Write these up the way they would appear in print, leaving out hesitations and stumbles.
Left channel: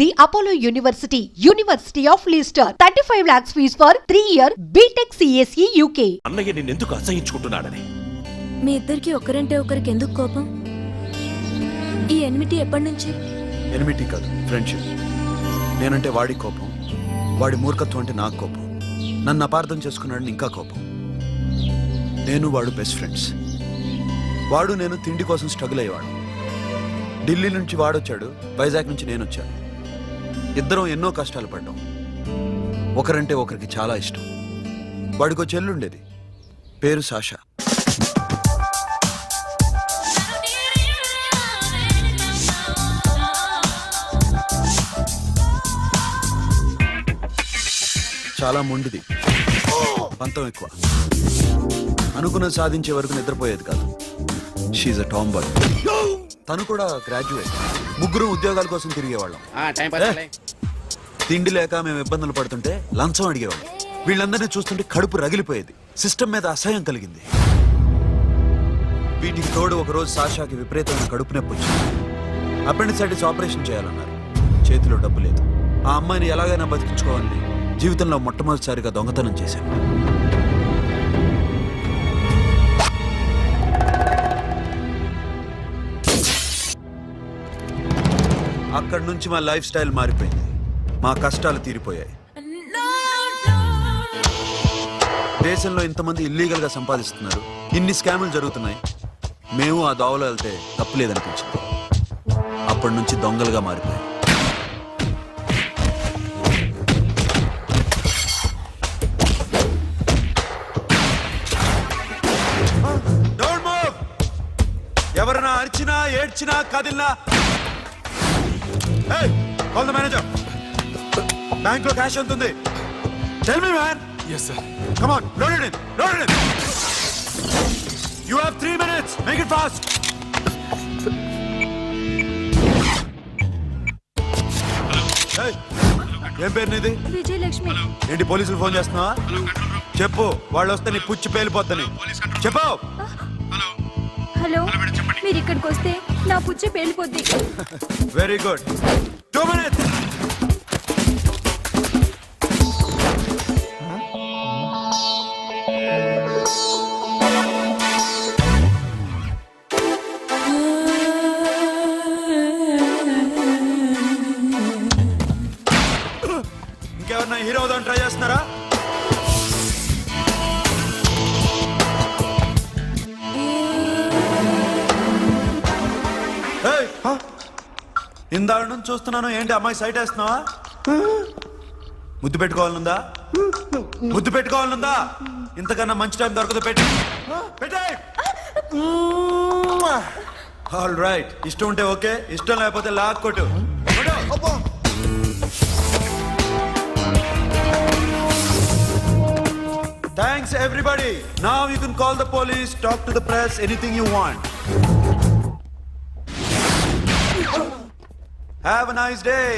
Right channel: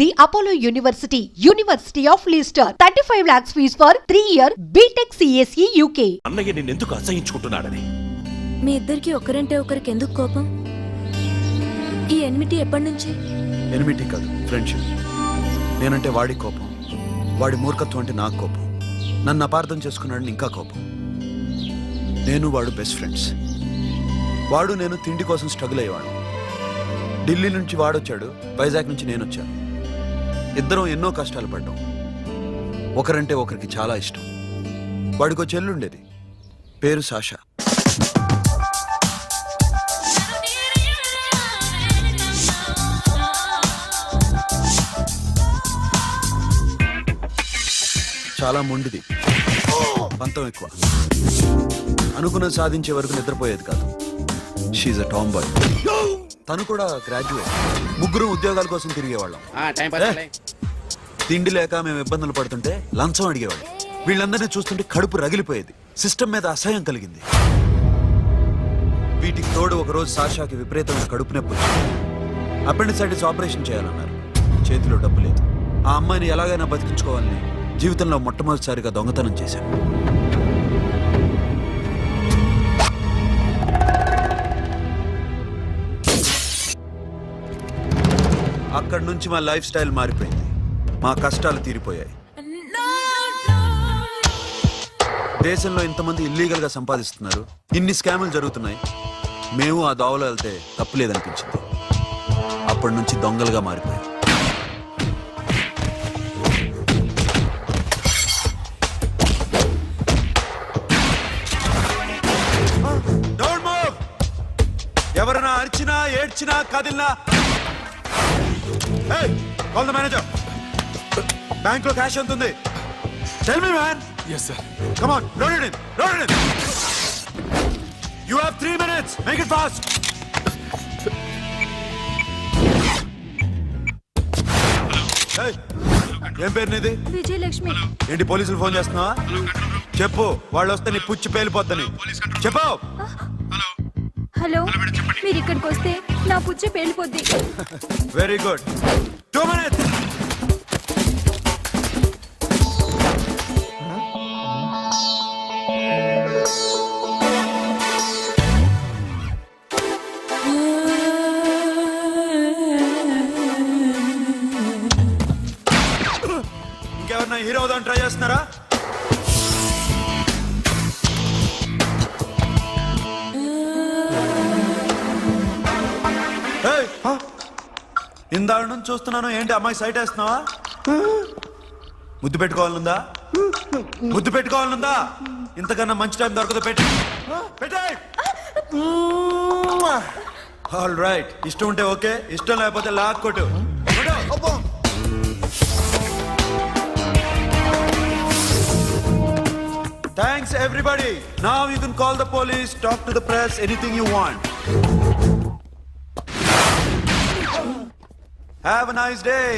the Apollo University, University of Leicester. 35 lakhs fees for 3-year BTech CSE UK. అన్నయ్య నిన్నెందుకు అసహించుకుంటున్నాడని. మీ ఇద్దరికి ఒకరంటే ఒకరికి ఎందుకు కోపం? ఈ ఎనిమిటీ ఎప్పటి నుంచి? ఎనిమిటీ కాదు, ఫ్రెండ్షిప్. నేనంటే వాడి కోపం, వాడి మూర్ఖత్వం అంటే నాకు కోపం. నన్ను అపార్థం చేసుకున్నాడని ఇంకా కోపం. నేను వాడు బెస్ట్ ఫ్రెండ్స్. వాడు నేను తిండి కోసం స్ట్రగుల్ అయ్యేవాడు. ఢిల్లీ నుంచి వాడొచ్చాడు, వైజాగ్ నుంచి నేను వచ్చాను. ఇద్దరం ఎన్నో కష్టాలు పడ్డాం. ఒకరంటే ఒకరికి చాలా ఇష్టం. వాడికో చెల్లుండేది, పేరు సాషా. చాలా మొండిది, పంతం ఎక్కువ. అనుకున్నది సాధించే వరకు నిద్రపోయేది కాదు. She is a tomboy. తను కూడా గ్రాడ్యుయేట్. ముగ్గురు ఉద్యోగాల కోసం తిరిగేవాళ్ళం. తిండి లేక మేము ఇబ్బందులు పడుతుంటే లంచం అడిగేవాళ్ళం. వీళ్ళందరినీ చూస్తుంటే కడుపు రగిలిపోయేది. సిస్టమ్ మీద అసహ్యం కలిగింది. వీటికి తోడు ఒకరోజు సాషాకి విపరీతమైన కడుపు నొప్పి వచ్చింది. అపెండిసైటిస్ ఆపరేషన్ చేయాలన్నారు. చేతిలో డబ్బు లేదు. ఆ అమ్మాయిని ఎలాగైనా బతికించుకోవాలని జీవితంలో మొట్టమొదటిసారిగా దొంగతనం చేశాను. అక్కడి నుంచి మా లైఫ్ స్టైల్ మారిపోయింది. మా కష్టాలు తీరిపోయాయి. దేశంలో ఇంతమంది ఇల్లీగల్ గా సంపాదిస్తున్నారు, ఇన్ని స్కాములు జరుగుతున్నాయి. మేము ఆ దోవలో వెళ్తే తప్పులేదనిపించింది. అప్పటి నుంచి దొంగలుగా మారిపోయాం. ఎవరైనా అరిచినా ఏడ్చినా కదిలినా కాల్ ద మేనేజర్. బ్యాంక్ లో క్యాష్ ఎంత ఉంది? Tell me man. yes sir. come on, load it in, load it in. you have 3 minutes, make it fast. hey, ఏం పేరు నీది? విజయలక్ష్మి. ఏంటి పోలీసులు ఫోన్ చేస్తున్నావా? చెప్పు, వాళ్ళు వస్తే నీ పుచ్చి పేలిపోద్దని చెప్పు. హలో, మీరు ఇక్కడికి వస్తే నా పుచ్చే పేలిపోద్ది. Very good. 2 minutes. ఇంకెవరన్నా హీరో అవుదాం ట్రై చేస్తున్నారా? ఇందాక నుంచి చూస్తున్నాను, ఏంటి అమ్మాయి సైట్ వేస్తున్నావా? ముద్దు పెట్టుకోవాలనుందా? ముద్దు పెట్టుకోవాలనుందా? ఇంతకన్నా మంచి టైం దొరకదు. పెట్టే. ఆల్ రైట్, ఇష్టం ఉంటే ఓకే, ఇష్టం లేకపోతే లాక్ కొట్టు. Thanks everybody. Now you can call the police, talk to the press, anything you want. Have a nice day.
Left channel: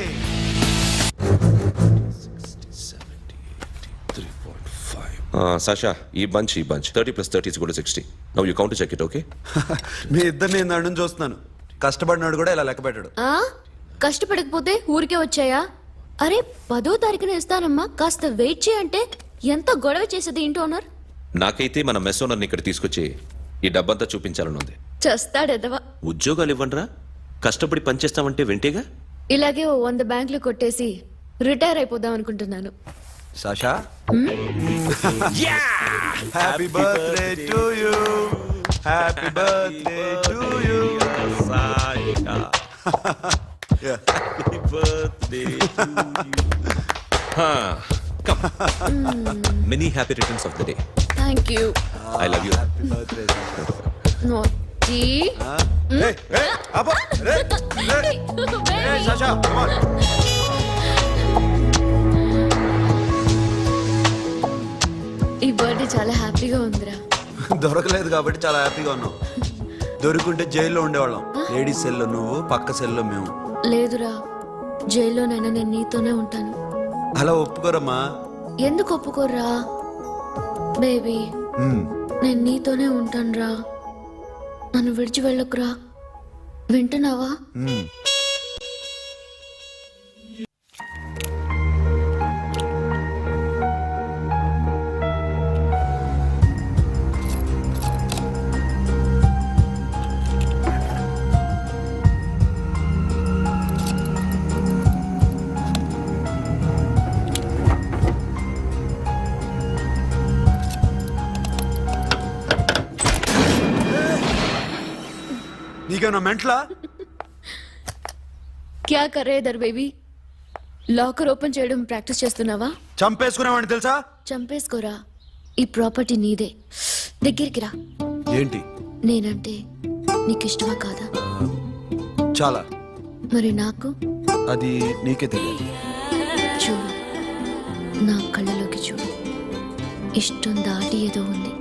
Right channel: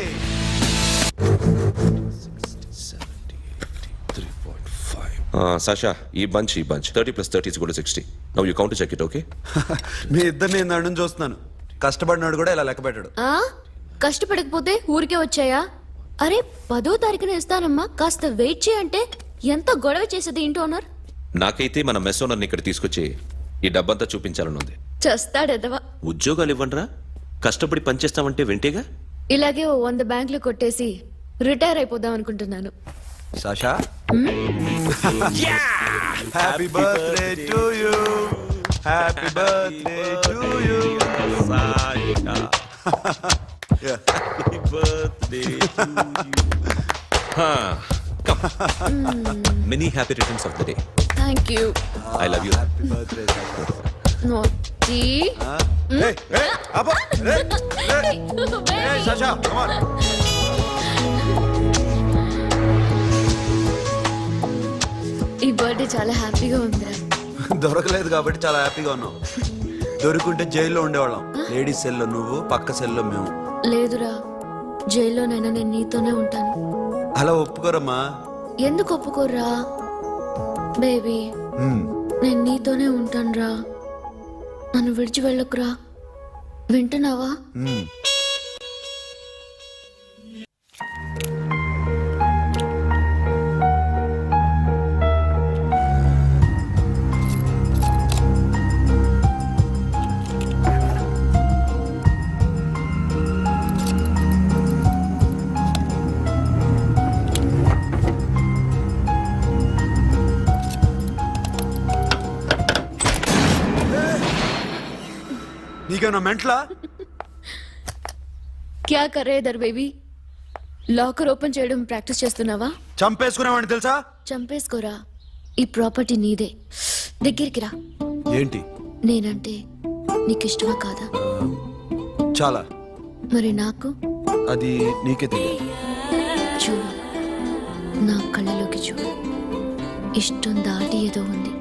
'Sasha, ఈ bunch 30 + 30 = 60. Now you count to check it, okay? మీ ఇద్దరిని నేను నన్ను చూస్తున్నాను. కష్టపడినాడు కూడా ఇలా లెక్క పెట్టాడు. కష్టపడకపోతే ఊరికే వచ్చాయా? అరే 10వ తారీఖున ఇస్తానమ్మా, కాస్త వెయిట్ చేయంటే ఎంత గొడవ చేసేది ఇంటి ఓనర్. నాకైతే మన మెస్ ఓనర్ని ఇక్కడ తీసుకొచ్చి ఈ డబ్బంతా చూపించాలని ఉంది. చస్తాడెదవా. ఉద్యోగాలు ఇవ్వండిరా, కష్టపడి పనిచేస్తామంటే వింటేగా. ఇలాగే 100 బ్యాంకులు కొట్టేసి రిటైర్ అయిపోదాం అనుకుంటున్నాను. Sasha, happy birthday to you. Happy birthday to you Sasha. Happy birthday to you. Many happy returns of the day. Thank you. I love you. Happy birthday Sasha. Naughty. Hey, Abba, hey, Sasha, come on. ఈ birthday చాలా హ్యాపీగా ఉందిరా. దొరకలేదు కాబట్టి చాలా హ్యాపీగా ఉన్నాం. దొరుకుంటే జైల్లో ఉండేవాళ్ళం. లేడీస్ సెల్లో నువ్వు, పక్క సెల్లో మేము. లేదురా, జైల్లోనైనా నేను నీతోనే ఉంటాను. అలా ఒప్పుకోరమ్మా. ఎందుకు ఒప్పుకోర్రా బేబీ? నేను నీతోనే ఉంటాను రా. నన్ను విడిచి వెళ్ళకురా. వింటున్నావా? నీకేమన్నా మెంట్లా? క్యా కరే ఇధర్ బేబీ? లాకర్ ఓపెన్ చేయడం ప్రాక్టీస్ చేస్తున్నావా? చంపేసుకునేవాడిని తెలుసా? చంపేసుకోరా, ఈ ప్రాపర్టీ నీదే. దగ్గరికి రా. ఏంటి? నేనంటే నీకు ఇష్టమా కాదా? చాలా. మరి నాకు? అది నీకే తెలియాలి. చూడు, నా కళ్ళలోకి చూడు. ఇష్టం దాటి ఏదో ఉంది,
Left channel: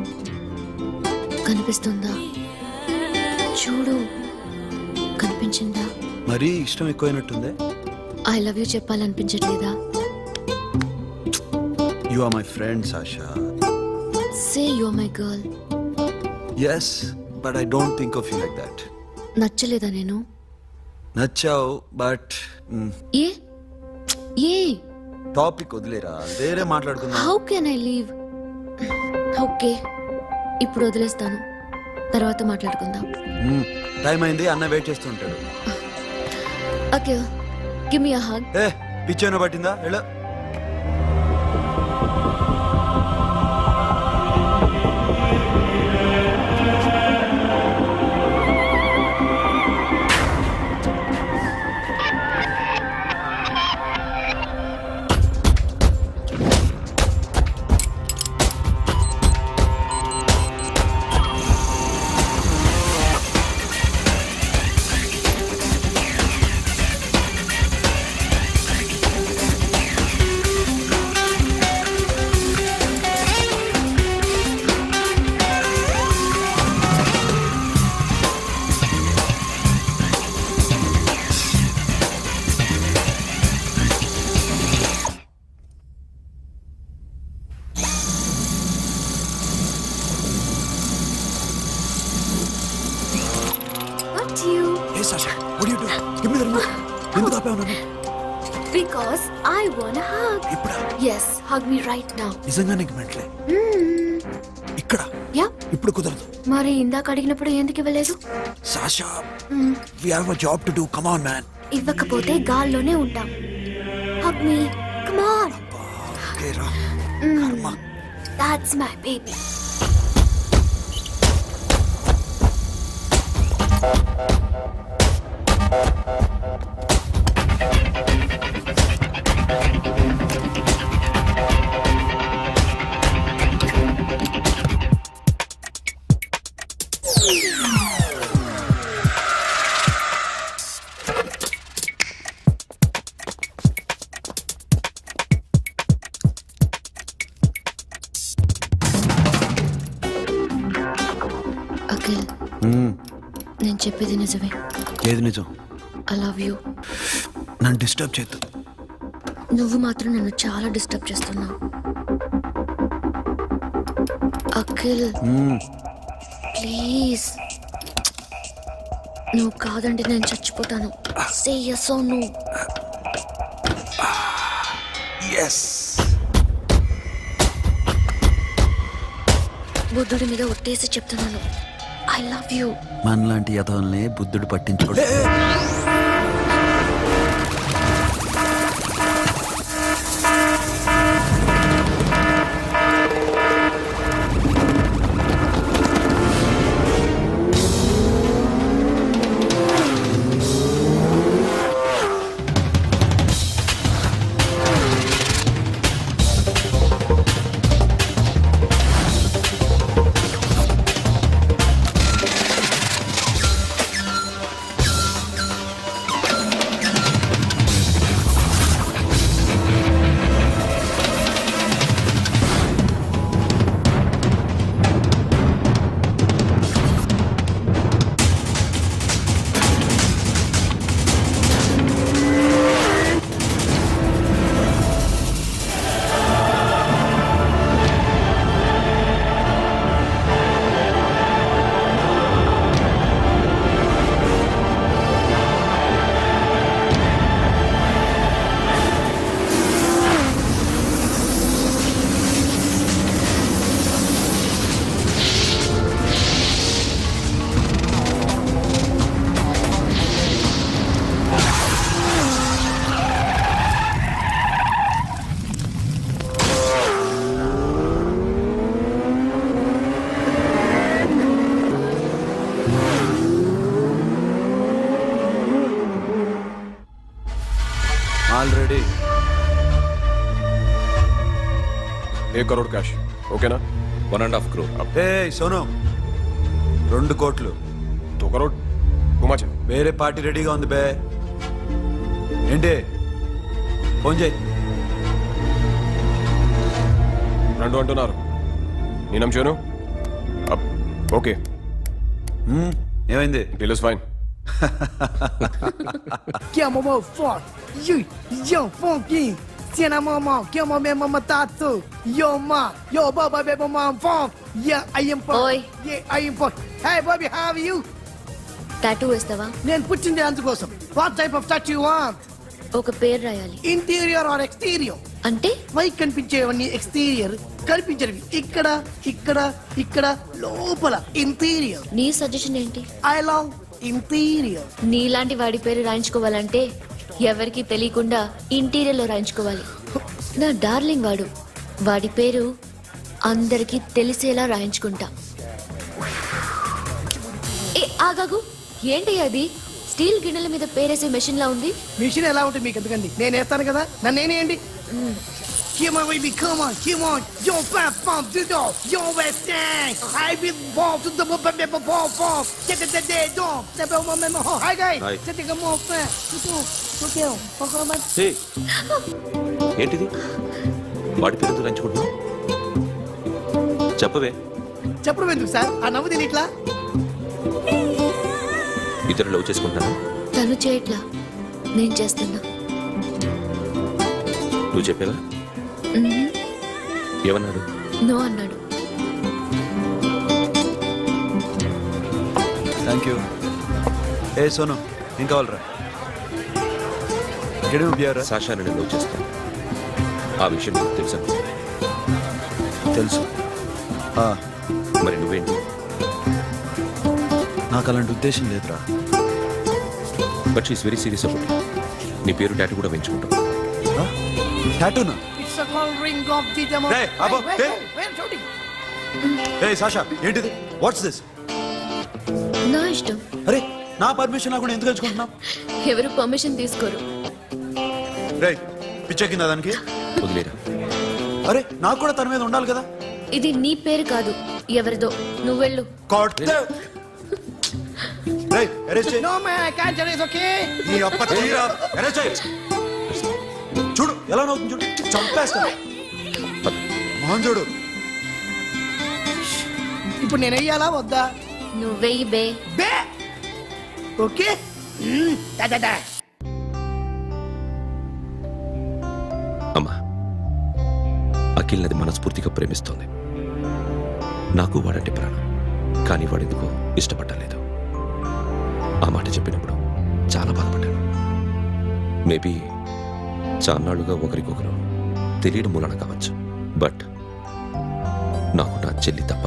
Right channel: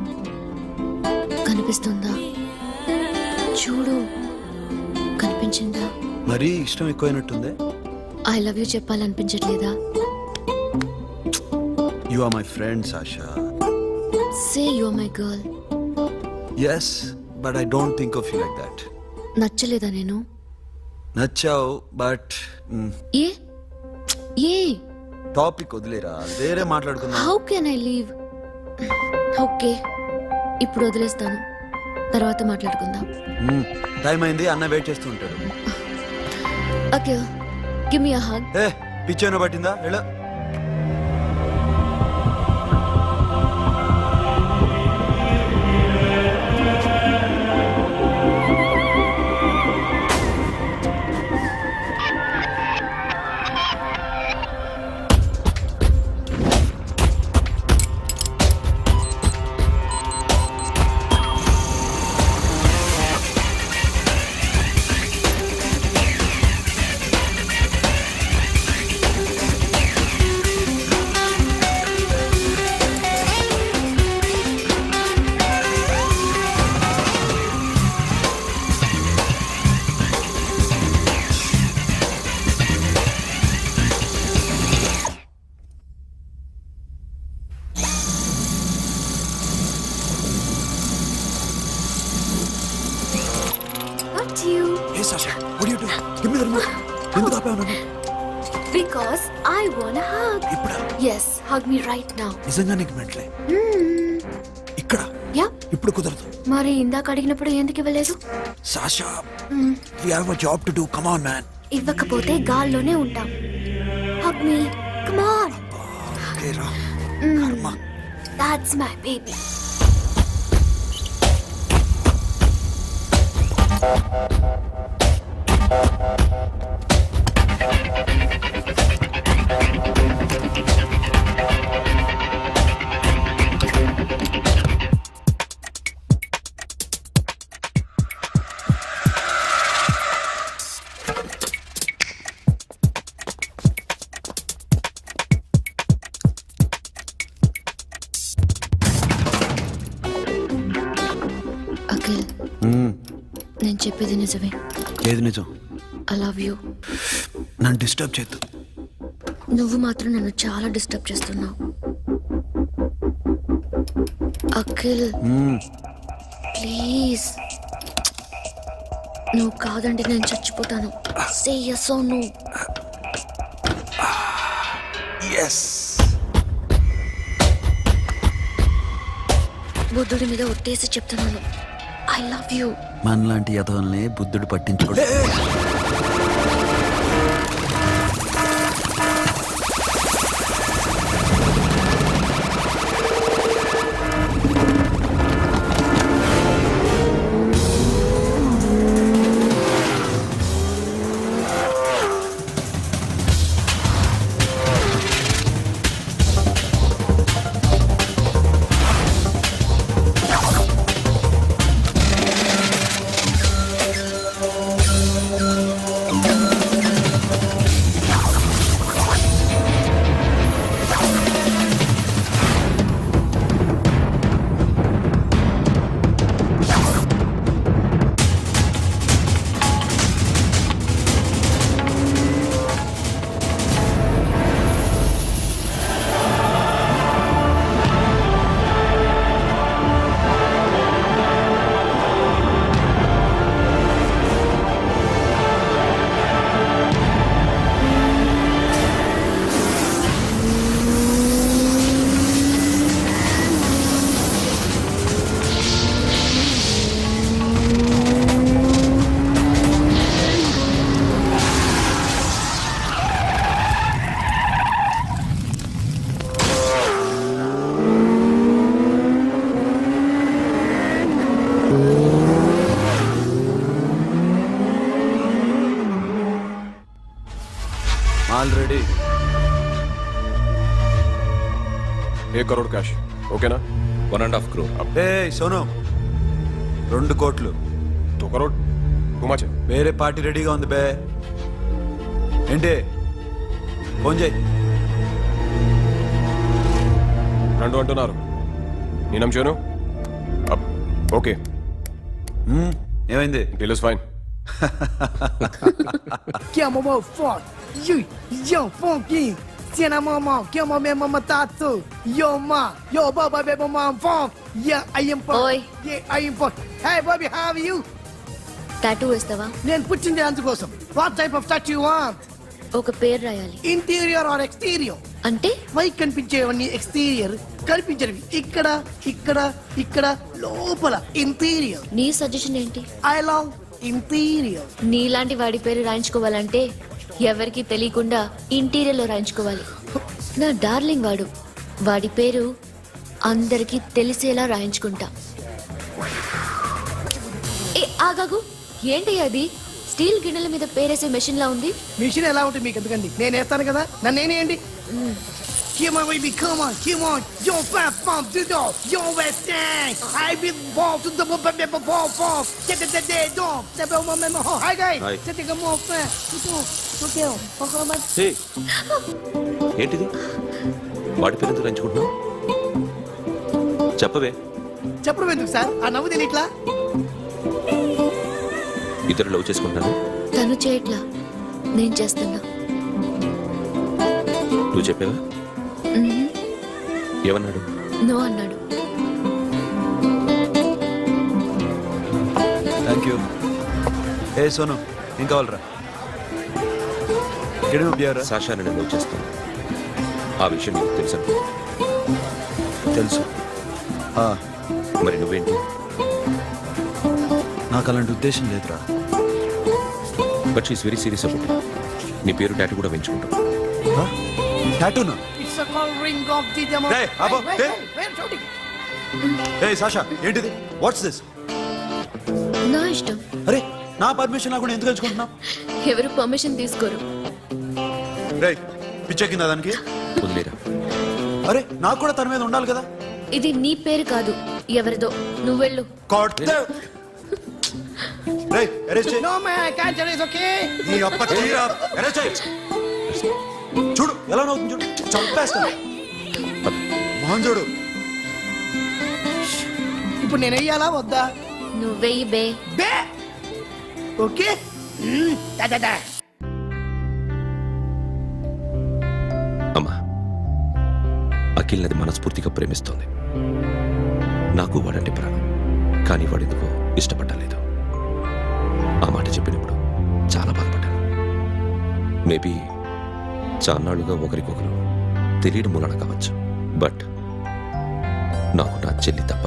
కనిపిస్తుందా? చూడు, కనిపించిందా? మరీ ఇష్టం ఎక్కువైనట్టుందే. ఐ లవ్ యూ చెప్పాలనిపించట్లేదా? You are my friend Sasha. Say you are my girl. Yes, but I don't think of you like that. నచ్చలేదా నేను? నచ్చావు, బట్ ఏ ఏ టాపిక్ వదిలేరా, వేరే మాట్లాడుకుందాం. How can I leave? Okay, ఇప్పుడు వదిలేస్తాను, తర్వాత మాట్లాడుకుందాం. టైం అయింది, అన్న వెయిట్ చేస్తూ ఉంటాడు. Okay, give me a hug. ఏ పిచ్చేనా పట్టిందా? ఎలా? Not you. ఏ Sasha, what are you doing? Give me the remote. ఎందుకు ఆపావు నన్ను? Because I want a hug. ఇప్పుడా? Yes, hug me right now. నిజంగా నీకు మెంట్లే? ఇక్కడ Yeah. ఇప్పుడు కుదరదు. మరి ఇందాక అడిగినప్పుడు ఎందుకు ఇవ్వలేదు? Sasha, we have a job to do. Come on, man. ఇవ్వకపోతే గాల్లోనే ఉంటాం. Hug me. Come on. Okay, రా. కర్మ. That's my baby. అఖిల్, నేను చెప్పేది నిజమే. ఏది నిజం? I love you. నన్ను డిస్టర్బ్ చేయొద్దు. నువ్వు మాత్రం నన్ను చాలా డిస్టర్బ్ చేస్తున్నావు. అఖిల్, ప్లీజ్. నువ్వు కాదంటే నేను చచ్చిపోతాను. సే yes or no. ఎస్. బుద్ధుడి మీద ఒట్టేసి చెప్తున్నాను, ఐ లవ్ యూ. మనలాంటి యథోల్ని బుద్ధుడు పట్టించుకోడు. ఆల్రెడీ 1 करोड़ कैश ओके ना 1.5 crore. ఏ సోను 2 కోట్లు 2 करोड़ घुमा चे వేరే పార్టీ రెడీగా ఉంది బే ఏంటి ఫోన్ చేయి రెండు అంటున్నారు నేను చూను అబ్ ఓకే ఏమైంది deal is fine Que é mamão forte. Yo, funky. Cena mamão, que é mamãe mamatato. Yo, ma. Yo, baba, baby, mamão funk. Yeah, I am funk. Oi. Yeah, I am funk. Hey, Bobby, how are you? Tattoo వేస్తావా? నేను పుట్టింది అందుకోసం. What type of tattoo you want? ఒక పేరు రాయాలి. Interior or exterior? అంటే పైకి కనిపించేవన్నీ exterior, కనిపించేవి ఇక్కడ ఇక్కడ ఇక్కడ లోపల ఇంటీరియర్. నీ సజెషన్ ఏంటి? I love interior. నీలాంటి వాడి పేరు రాయించుకోవాలంటే ఎవరికి తెలియకుండా ఇంటీరియర్ లో రాయించుకోవాలి. నా డార్లింగ్ వాడు, వాడి పేరు అందరికి తెలిసేలా రాయించుకుంటా. ఏ ఆగాగు, ఏంటి అది? స్టీల్ గిన్నెల మీద పేరేసే మెషిన్ లా ఉంది. మిషన్ ఎలా ఉంటుంది మీకు ఎందుకండి? నేను వేస్తాను కదా, నన్ను నేనేయండి. Come on, baby, come on, come on. Yo, fat pump, do do. Yo, West End. I be ball to the ball, ball. Get the day, dog. The bell, my hi, guys. Hi. Set the more fat. Okay, okay. హే ఏంటిది వాడి పేరు ఎందుకు రంచుకుంటున్నావు చెప్పవే. చెప్పడం ఎందుకు sir? ఆ నవ్వు తిని ఇట్లా ఇద్దరు లవ్ చేసుకుంటాను. తను చేయట్లా, నేను చేస్తున్నా. నువ్వు చెప్పావా? ఏమన్నాడు? నో అన్నాడు. Thank you. ఏ సోను ఏం కావాలరా? గడిమ బియారా? సాషా నేను లవ్ చేస్తాను. ఆ విషయం నీకు తెలుసు అనుకో. తెలుసు. మరి నువ్వేంటి? నాకు అలాంటి ఉద్దేశం లేదురా. But she's very serious about it. నీ పేరు టాటూ కూడా వేయించుకుంటాం. టాటూనా? It's a call ring off the demo. Hey, Abba, hey. Wait, shouting. ఏ సాషా ఏంటిది? What's this? నా ఇష్టం. అరే నా పర్మిషన్ లేకుండా ఎందుకు ఎంచుకుంటున్నావు? ఎవరు పర్మిషన్ తీసుకోరు. రే పిచ్చెక్కిందా దానికి? వదిలేరా. అరే నాకు కూడా తన మీద ఉండాలి కదా. ఇది నీ పేరు కాదు, ఎవరిదో. నువ్వెళ్ళు. రే అరెస్ట్ చేయి. No man, I can't erase, okay? నీ అప్ప తీరా అరెస్ట్ చేయి. చూడు ఎలా నవ్వుతుంది చూడు. చంపేస్తా. మోహన్ చూడు. ఇప్పుడు నేను వెయ్యాలా వద్దా? నువ్వెయ్యి బే. బే ఓకే. దా దా దా. అమ్మా, అఖిల్ నది మనస్ఫూర్తిగా ప్రేమిస్తోంది. నాకు వాడంటే ప్రాణం. కానీ వాడెందుకో ఇష్టపడలేదు. ఆ మాట చెప్పినప్పుడు చాలా బాధపడ్డాను. మేబీ చాన్నాళ్లుగా ఒకరికొకరు తెలియడం మూలన కావచ్చు. బట్ నాకు నా చెల్లి తప్ప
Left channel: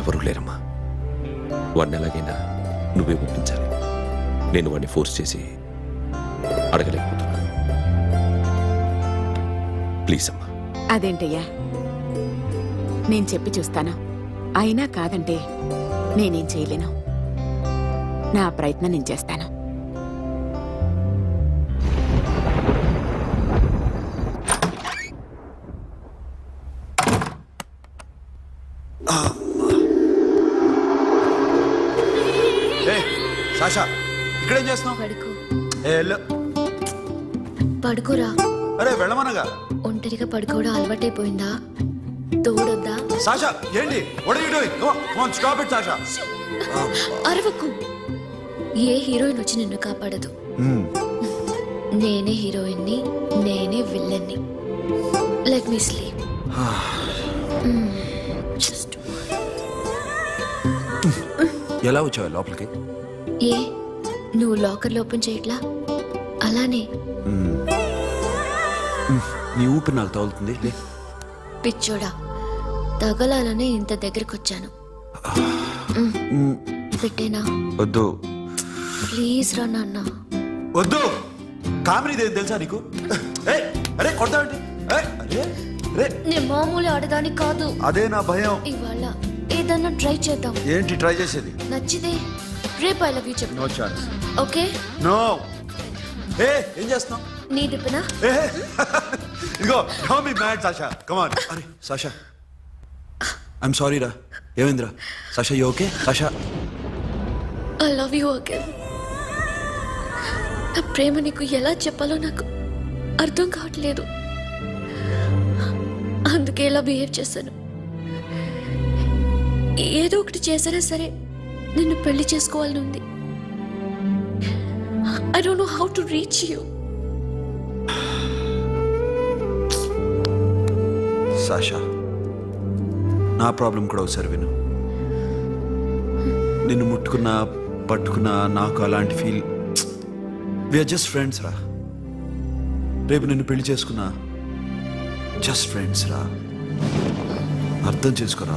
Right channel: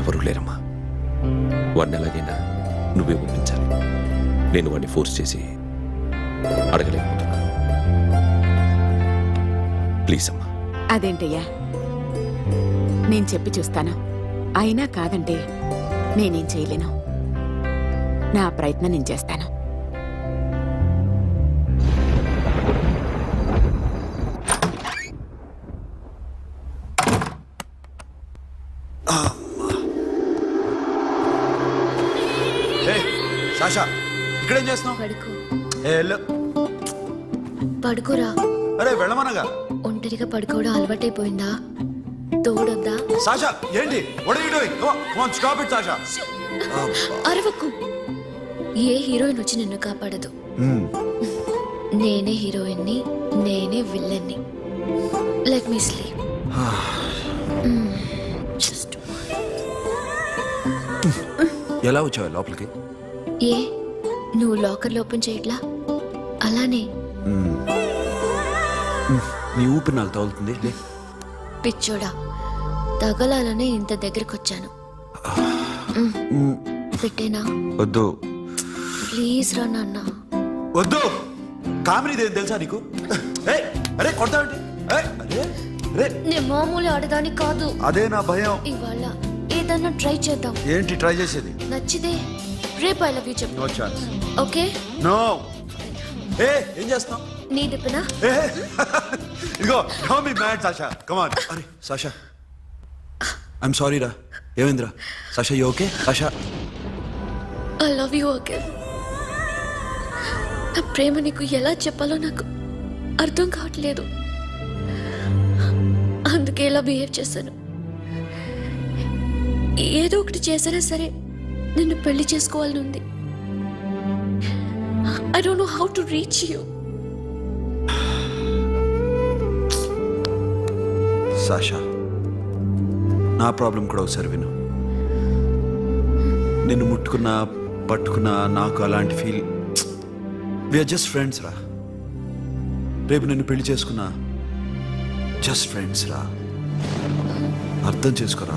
ఎవరూ లేరమ్మా. వాడిని ఎలాగైనా నువ్వే ఒప్పించాలి. నేను వాడిని ఫోర్స్ చేసి అడగలేకపోతున్నాను. ప్లీజ్ అమ్మా. అదేంటయ్యా, నేను చెప్పి చూస్తాను. అయినా కాదంటే నేనేం చేయలేను. నా ప్రయత్నం నేను చేస్తాను. ఏ సాషా ఇక్కడేం చేస్తున్నావు? పడుకో. ఏ వెళ్ళు. పడుకోరా. అరే వెళ్ళమనగా. ఒంటరిగా పడుకోవడం అలవాటైపోయిందా? తోడొద్దా? సాషా ఏంటి? What are you doing? Come on, come on, stop it Sasha. అరవకు. ఏ హీరోయిన్ వచ్చి నిన్ను కాపాడదు. నేనే హీరోయిన్ని, నేనే విల్లన్ని. Let me sleep. జస్ట్ ఎలా వచ్చావు లోపలికి? ఏ నువ్వు లాకర్లో ఓపెన్ చేయట్లా? అలానే. నీ ఊపిరి నాకు తగులుతుంది. లే. పిచ్చోడా, తగలాలనే ఇంత దగ్గరకొచ్చాను. పెట్టేనా? వద్దు. ప్లీజ్ రా నాన్న. వద్దు. కామెడీ తెలుసా నీకు? ఏయ్, అరే కొడతావేంటి? ఏయ్, అరే అరే నేను మామూలు ఆడదాని కాదు. అదే నా భయం. ఇవాళ ఏదన్నా ట్రై చేద్దాం. ఏంటి ట్రై చేసేది? నచ్చితే రేపు ఐ లవ్ యూ చెప్పు. No chance. ఓకే. నో. ఏ ఏం చేస్తున్నావు? నీ దిప్పునా ఇదిగో don't be mad Sasha come on అరే సాషా ఐఎమ్ సారీ రా ఏమైందిరా Sasha you okay Sasha I love you again. నా ప్రేమ నీకు ఎలా చెప్పాలో నాకు అర్థం కావట్లేదు. అందుకే ఇలా బిహేవ్ చేశాను. ఏదో ఒకటి చేసినా సరే నిన్ను పెళ్లి చేసుకోవాలని ఉంది. I don't know how to reach you. Sasha నా ప్రాబ్లం కూడా ఒకసారి విను. నిన్ను ముట్టుకున్నా పట్టుకున్నా నాకు అలాంటి ఫీల్. వీఆర్ జస్ట్ ఫ్రెండ్స్ రా. రేపు నిన్ను పెళ్లి చేసుకున్నా జస్ట్ ఫ్రెండ్స్ రా. అర్థం చేసుకోరా.